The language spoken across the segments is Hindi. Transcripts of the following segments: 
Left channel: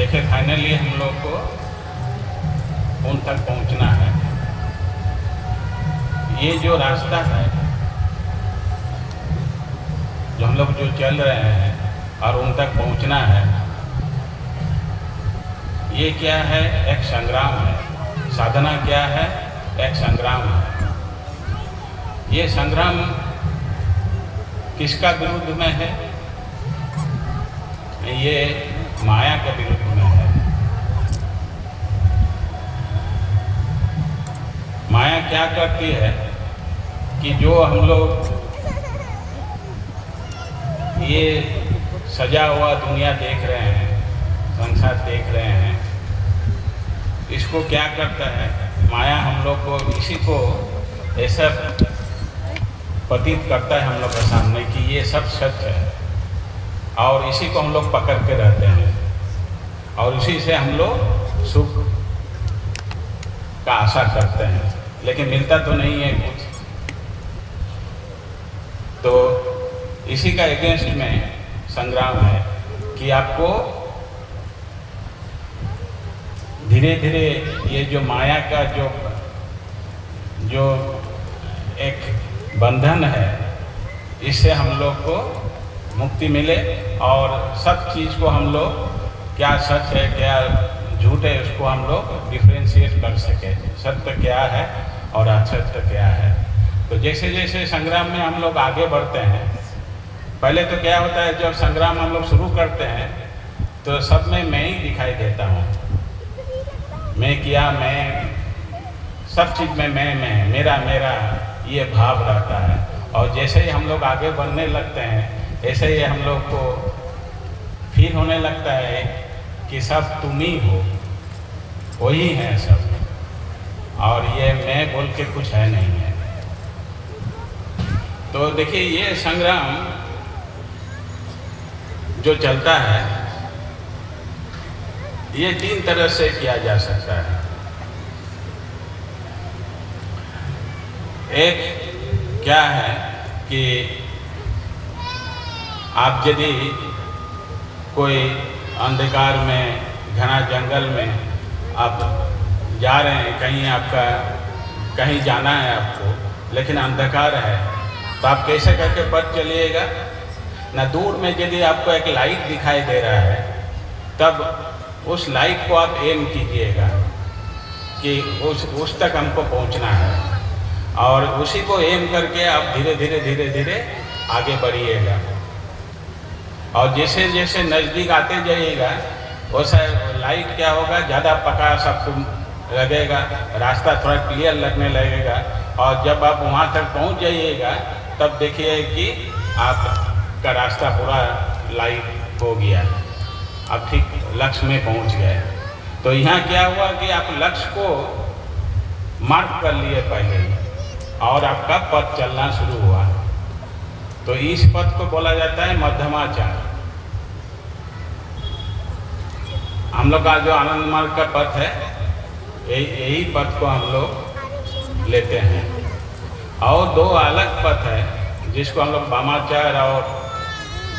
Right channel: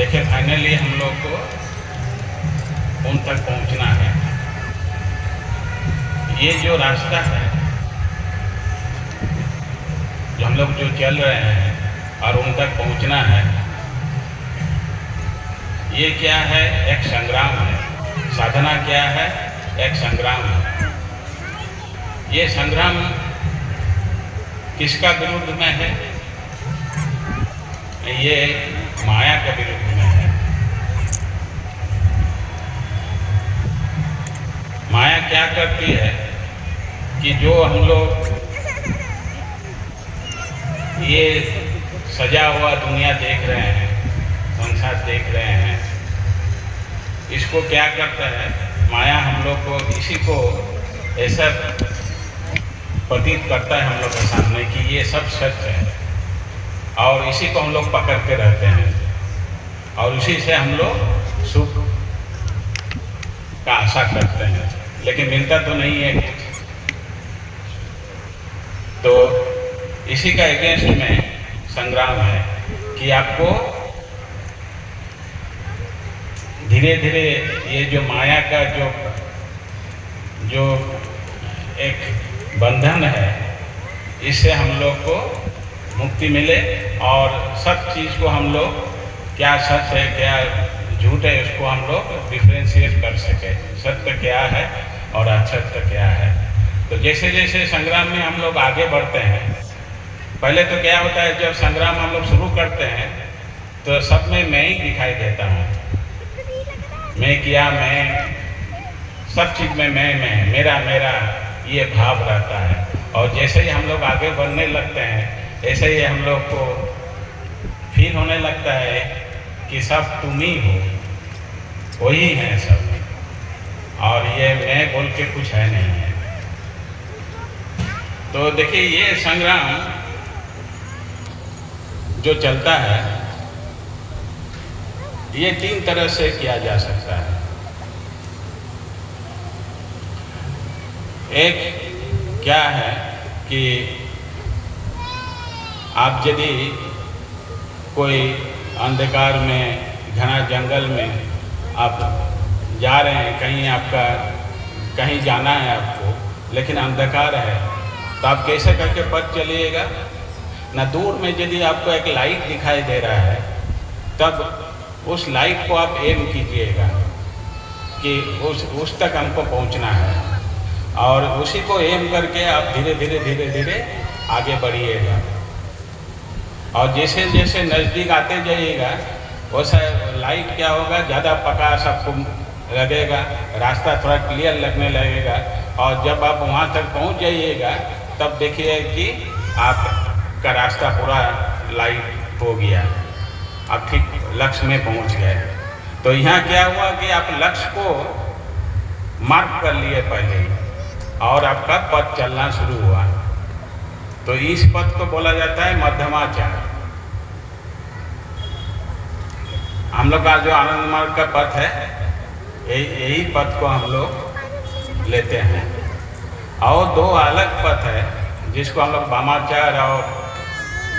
देखिए फाइनली हम लोग को उन तक पहुंचना है। ये जो रास्ता है जो हम लोग जो चल रहे हैं और उन तक पहुंचना है, ये क्या है? एक संग्राम है। साधना क्या है? एक संग्राम है। ये संग्राम किसका विरुद्ध में है? ये माया के विरुद्ध में है। माया क्या करती है कि जो हम लोग ये सजा हुआ दुनिया देख रहे हैं, संसार देख रहे हैं, इसको क्या करता है? माया हम लोग को इसी को ऐसा प्रतीत करता है हम लोग के सामने कि ये सब सच है और इसी को हम लोग पकड़ के रहते हैं और उसी से हम लोग सुख का आशा करते हैं, लेकिन मिलता तो नहीं है कुछ। तो इसी का अगेंस्ट में संग्राम है कि आपको धीरे धीरे ये जो माया का जो एक बंधन है, इससे हम लोग को मुक्ति मिले और सब चीज़ को हम लोग क्या सच है क्या झूठ है उसको हम लोग डिफ्रेंशिएट कर सके, सत्य क्या है और असत्य क्या है। तो जैसे जैसे संग्राम में हम लोग आगे बढ़ते हैं, पहले तो क्या होता है जब संग्राम हम लोग शुरू करते हैं तो सब में मैं ही दिखाई देता हूँ। मैं किया, मैं सब चीज़ में मैं मेरा मेरा ये भाव रहता है। और जैसे ही हम लोग आगे बढ़ने लगते हैं ऐसे ही हम लोग को फील होने लगता है कि सब तुम ही हो, वही है सब और ये मैं बोल के कुछ है नहीं है। तो देखिए ये संग्राम जो चलता है ये 3 तरह से किया जा सकता है। एक क्या है कि आप यदि कोई अंधकार में घना जंगल में आप जा रहे हैं, कहीं आपका कहीं जाना है आपको, लेकिन अंधकार है, तो आप कैसे करके पथ चलिएगा ना? दूर में यदि आपको एक लाइट दिखाई दे रहा है तब उस लाइट को आप एम कीजिएगा कि उस तक हमको पहुंचना है और उसी को एम करके आप धीरे धीरे आगे बढ़िएगा। और जैसे जैसे नज़दीक आते जाइएगा वैसा लाइट क्या होगा, ज़्यादा प्रकाश आपको लगेगा, रास्ता थोड़ा क्लियर लगने लगेगा और जब आप वहाँ तक पहुँच जाइएगा तब देखिए कि आपका रास्ता पूरा लाइट हो गया, आप ठीक लक्ष्य में पहुँच गए। तो यहाँ क्या हुआ कि आप लक्ष्य को मार्क कर लिए पहले ही और आपका पथ चलना शुरू हुआ। तो इस पथ को बोला जाता है मध्यमाचार। हम लोग का जो आनंद मार्ग का पथ है यही पथ को हम लोग लेते हैं। और 2 अलग पथ है जिसको हम लोग वामाचार और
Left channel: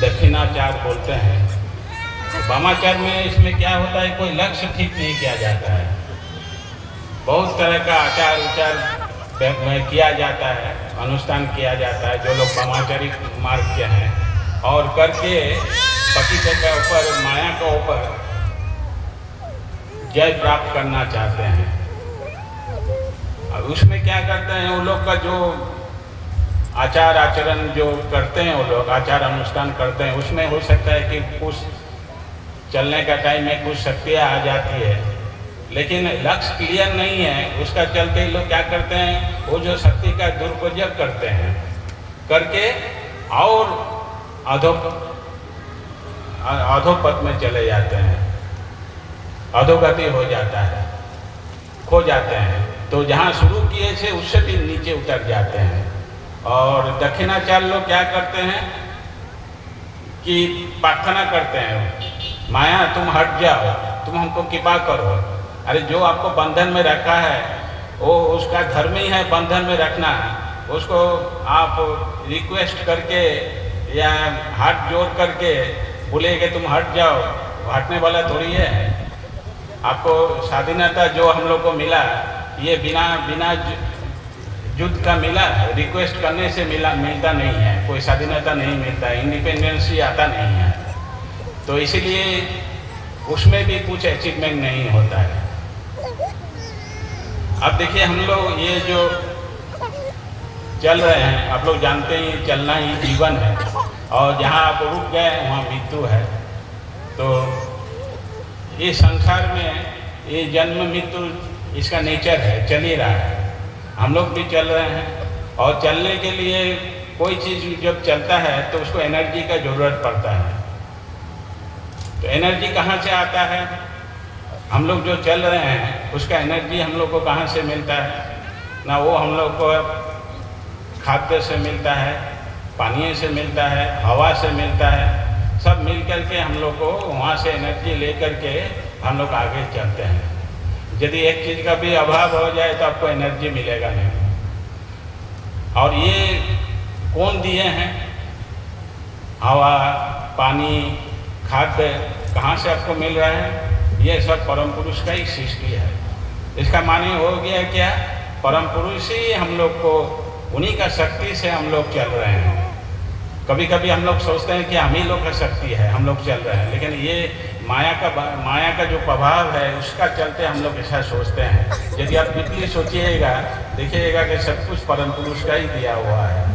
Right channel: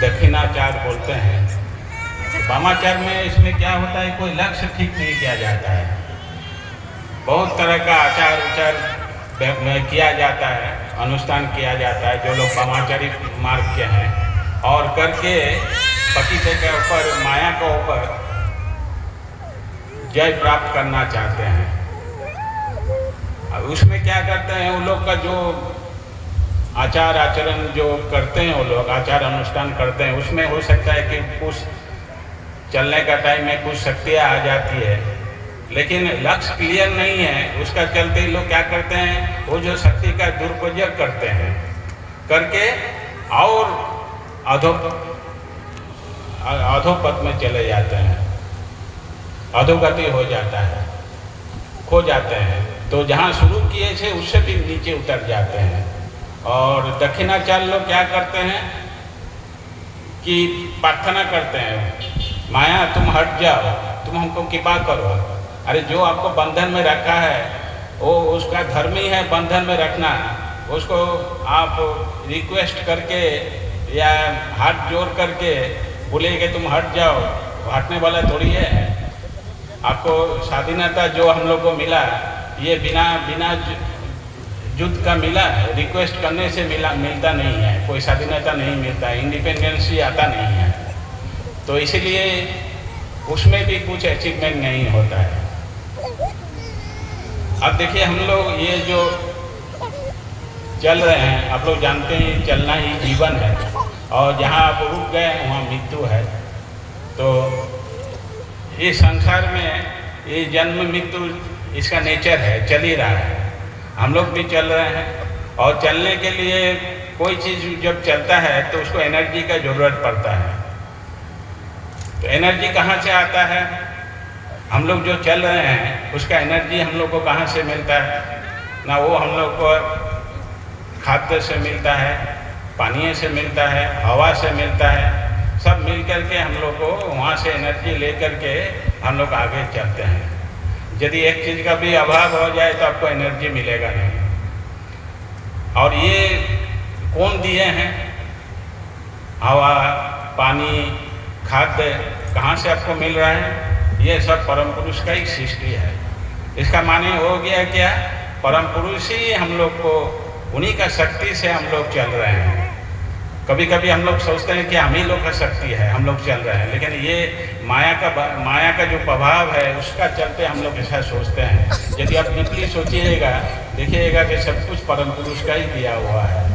दक्षिणाचार बोलते हैं। वामाचार में इसमें क्या होता है, कोई लक्ष्य ठीक नहीं किया जाता है, बहुत तरह का आचार विचार में किया जाता है, अनुष्ठान किया जाता है जो लोग वामाचारी मार्ग के हैं और करके पतितों के ऊपर, माया के ऊपर जय प्राप्त करना चाहते हैं। अब उसमें क्या करते हैं वो लोग का जो आचार आचरण जो करते हैं, वो लोग आचार अनुष्ठान करते हैं, उसमें हो सकता है कि कुछ चलने का टाइम में कुछ शक्तियाँ आ जाती है, लेकिन लक्ष्य क्लियर नहीं है, उसका चलते ही लोग क्या करते हैं वो जो शक्ति का दुरुपयोग करते हैं, करके और अधोपथ में चले जाते हैं, अधोगति हो जाता है, खो जाते हैं। तो जहाँ शुरू किए थे उससे भी नीचे उतर जाते हैं। और दक्षिणाचार लोग क्या करते हैं कि प्रार्थना करते हैं, माया तुम हट जाओ, तुम हमको कृपा करो। अरे जो आपको बंधन में रखा है वो उसका धर्म ही है बंधन में रखना, उसको आप रिक्वेस्ट करके या हाथ जोड़ करके बोले कि तुम हट जाओ, हटने वाला थोड़ी है। आपको स्वाधीनता जो हम लोग को मिला, ये बिना बिना युद्ध का मिला, रिक्वेस्ट करने से मिलता नहीं है। कोई स्वाधीनता नहीं मिलता, इंडिपेंडेंस ही आता नहीं है। तो इसीलिए उसमें भी कुछ अचीवमेंट नहीं होता है। अब देखिए, हम लोग ये जो चल रहे हैं, आप लोग जानते हैं चलना ही जीवन है, और जहाँ आप रुक गए वहाँ मृत्यु है। तो इस संसार में ये जन्म मृत्यु इसका नेचर है, चल ही रहा है। हम लोग भी चल रहे हैं, और चलने के लिए कोई चीज़ जब चलता है तो उसको एनर्जी का ज़रूरत पड़ता है। तो एनर्जी कहाँ से आता है? हम लोग जो चल रहे हैं उसका एनर्जी हम लोग को कहाँ से मिलता है? ना वो हम लोग को खाद्य से मिलता है, पानी से मिलता है, हवा से मिलता है। सब मिल कर के हम लोग को वहाँ से एनर्जी ले कर के हम लोग आगे चलते हैं। यदि एक चीज़ का भी अभाव हो जाए तो आपको एनर्जी मिलेगा नहीं। और ये कौन दिए हैं? हवा, पानी, खाद्य कहाँ से आपको मिल रहा है? ये सब परम पुरुष का ही सृष्टि है। इसका माने हो गया क्या? परम पुरुष ही हम लोग को, उन्हीं का शक्ति से हम लोग चल रहे हैं। कभी कभी हम लोग सोचते हैं कि हम ही लोग का शक्ति है, हम लोग चल रहे हैं, लेकिन ये माया का जो प्रभाव है उसका चलते हम लोग ऐसा सोचते हैं। यदि आप डीपली सोचिएगा, देखिएगा कि सब कुछ परम पुरुष का ही दिया हुआ है।